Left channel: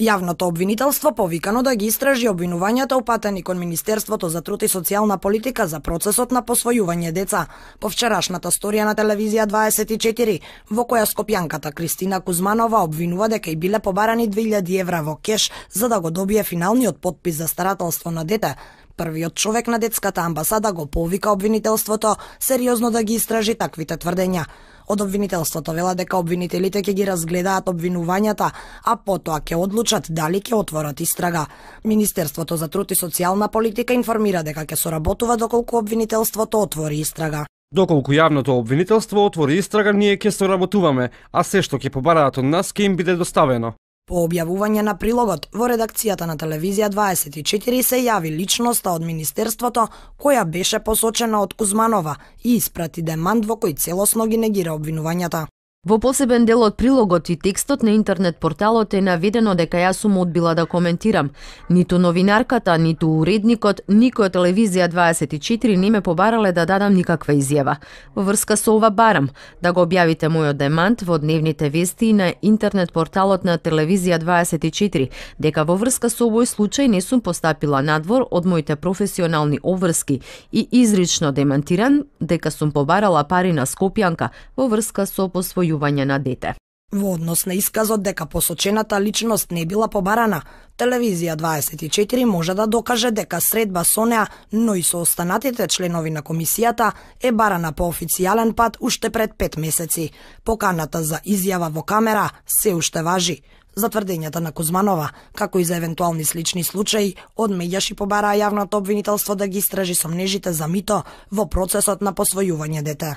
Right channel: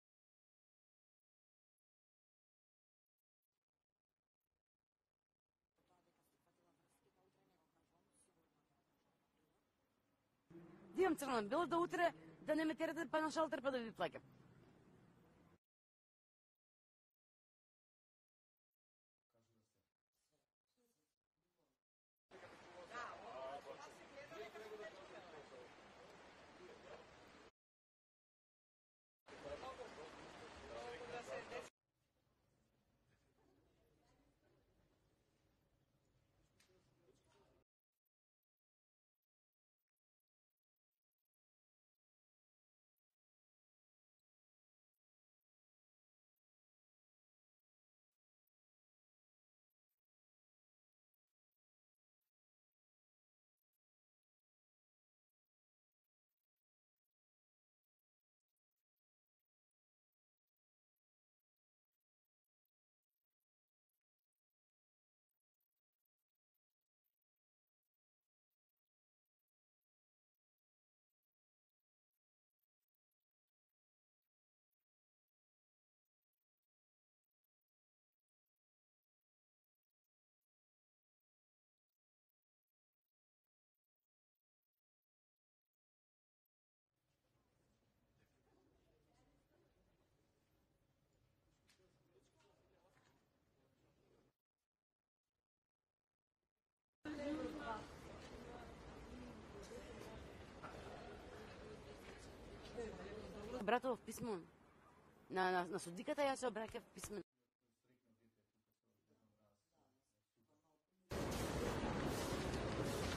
Јавното обвинителство повикано да ги истражи обвинувањата упатени кон Министерството за труд и социјална политика за процесот на посвојување деца. По вчерашната сторија на телевизија 24, во која скопјанката Кристина Кузманова обвинува дека и биле побарани 2000 евра во кеш за да го добие финалниот потпис за старателство на дете. Првиот човек на детската амбасада го повика обвинителството сериозно да ги истражи таквите тврдења. Од обвинителството вела дека обвинителите ќе ги разгледаат обвинувањата, а потоа ќе одлучат дали ќе отворат истрага. Министерството за труд и социјална политика информира дека ќе соработува доколку обвинителството отвори истрага. Доколку јавното обвинителство отвори истрага, ние ќе соработуваме, а се што ќе побараат од нас ќе им биде доставено. По објавување на прилогот, во редакцијата на телевизија 24 се јави личноста од Министерството, која беше посочена од Кузманова и испрати демант во кој целосно ги негира обвинувањата. Во посебен дел од прилогот и текстот на интернет порталот е наведено дека јас сум одбила да коментирам. Ниту новинарката, ниту уредникот, никој од телевизија 24 не ме побарале да дадам никаква изјава. Во врска со ова барам да го објавите мојот демант во дневните вести на интернет порталот на телевизија 24, дека во врска со овој случај не сум постапила надвор од моите професионални обврски и изрично демантиран дека сум побарала пари на Скопјанка во врска со посвојување на дете. Во однос на исказот дека посочената личност не била побарана, телевизија 24 може да докаже дека средба со неа, но и со останатите членови на комисијата е барана по официјален пат уште пред 5 месеци. Поканата за изјава во камера се уште важи. За тврдењата на Кузманова, како и за евентуални слични случаи, од медјаши побараа јавното обвинителство да ги истражи сомнежите за мито во процесот на посвојување дете.